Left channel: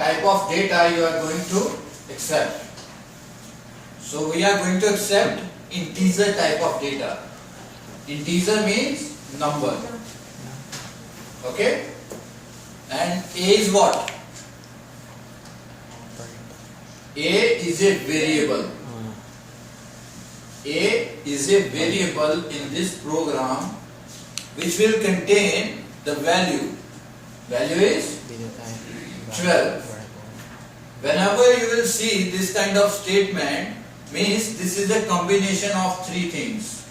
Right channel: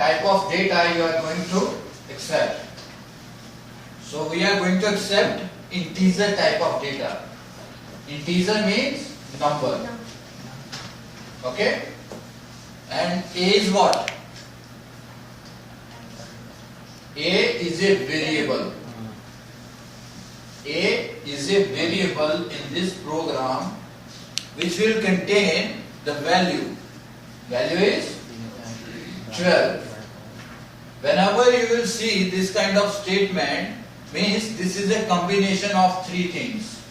type of data you are going to accept. So we are going to accept integer type of data. Integer means number. Okay? And A is what? A is a variable. A is a variable in this program which will contain the value. Value is 12. Whenever you will see this kind of statement, means this is a combination of three things.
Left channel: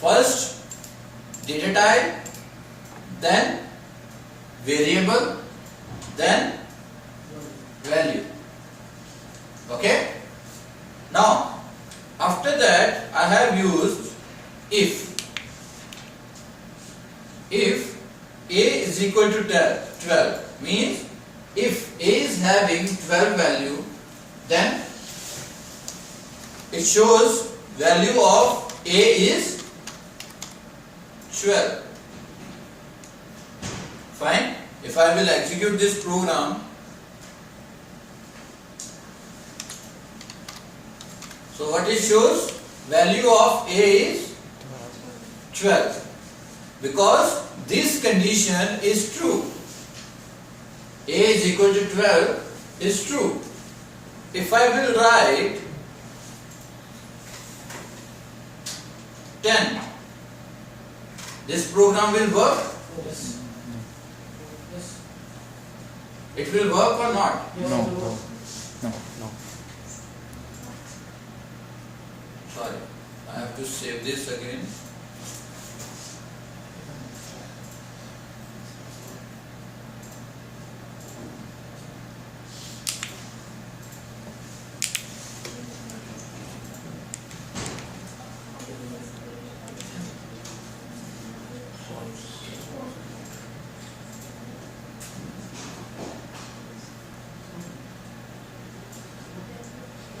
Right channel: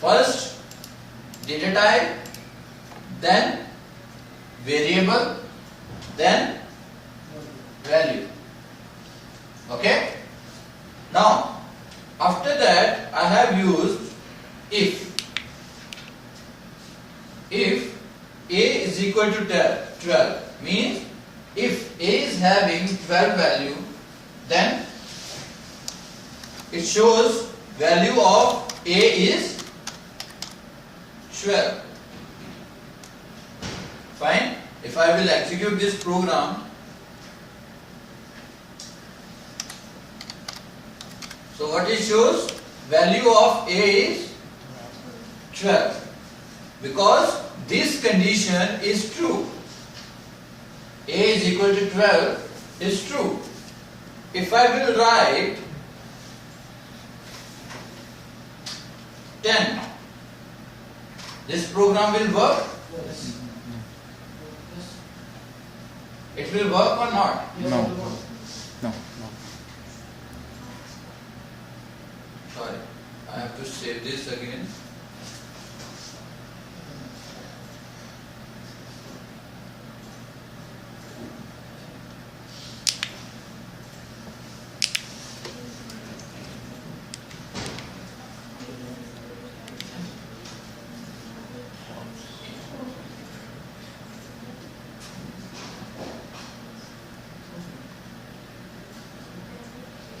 First, data type, then variable, then value. Okay? Now, after that, I have used if. If A is equal to 12 means if A is having 12 value, then it shows value of A is 12. Fine. If I will execute this program, so what it shows? Value of A is 12. Because this condition is true. A is equal to 12 is true. If I will write 10, this program will work? Yes. It will work or not? Yes, No. it will work. No. Sorry, I have to save this again.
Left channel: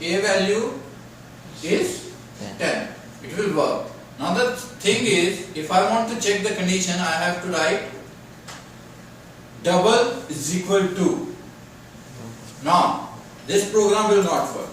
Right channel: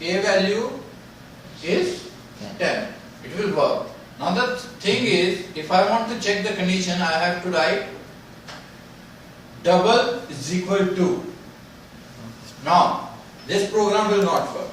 A value is 10. It will work. Now the thing is, if I want to check the condition, I have to write double is equal to. Now, this program will not work.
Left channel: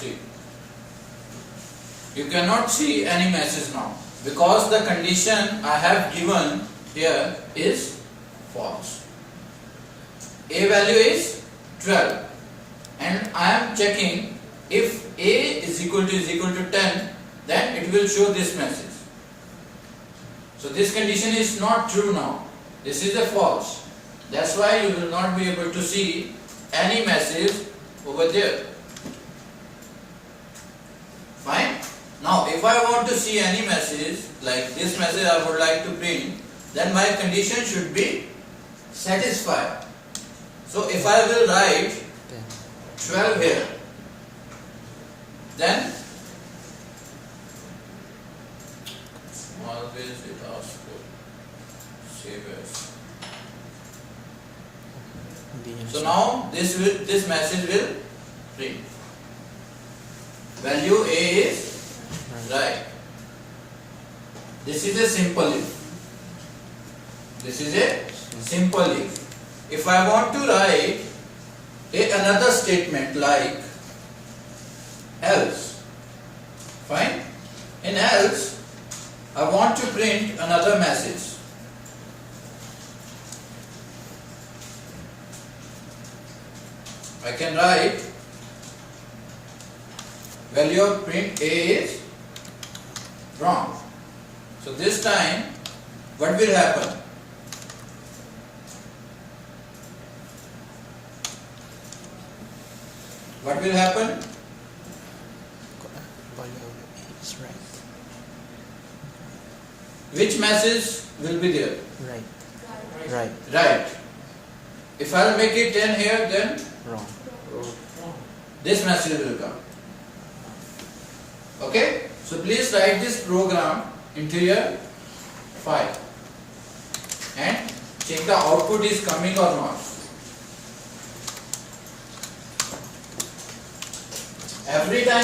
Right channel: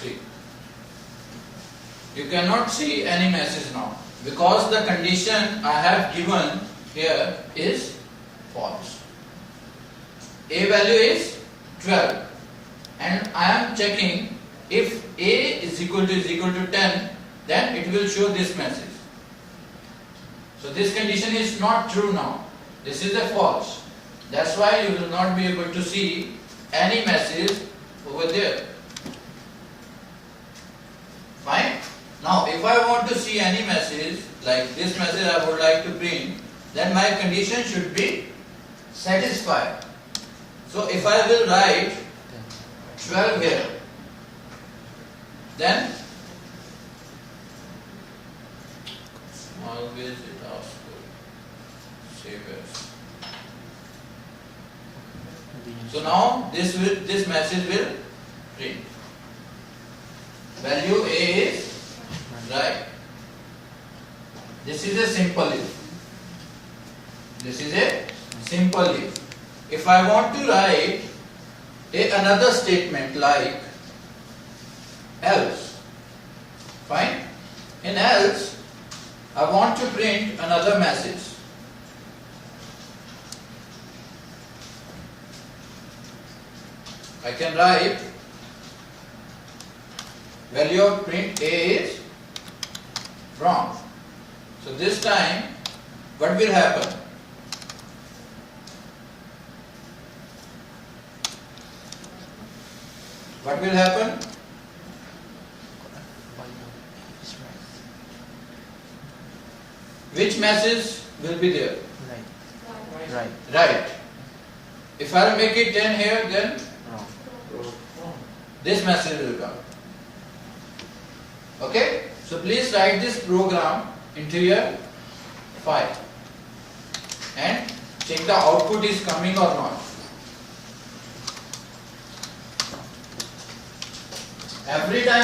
See, you cannot see any message now because the condition I have given here is false. A value is 12 and I am checking if A is equal to 10, then it will show this message. So this condition is not true now. This is a false. That's why you will not be able to see any message over there. Fine. Now if I want to see any message, like this message I would like to print, then my condition should be satisfied. So if I will write 12 here, then always it asks for save as. So now this message will print. Value A is right. This is a simple if. This is a simple if. If I want to write another statement like else, fine. In else, I want to print another message. I can write value of print A is wrong. So this time what will happen? What will happen? Is right. Which message will be there? Right. Right. Right. If I make it 10 here, then Wrong. this message will come. Okay? So please write this program into your file and check the output is coming or not. Every time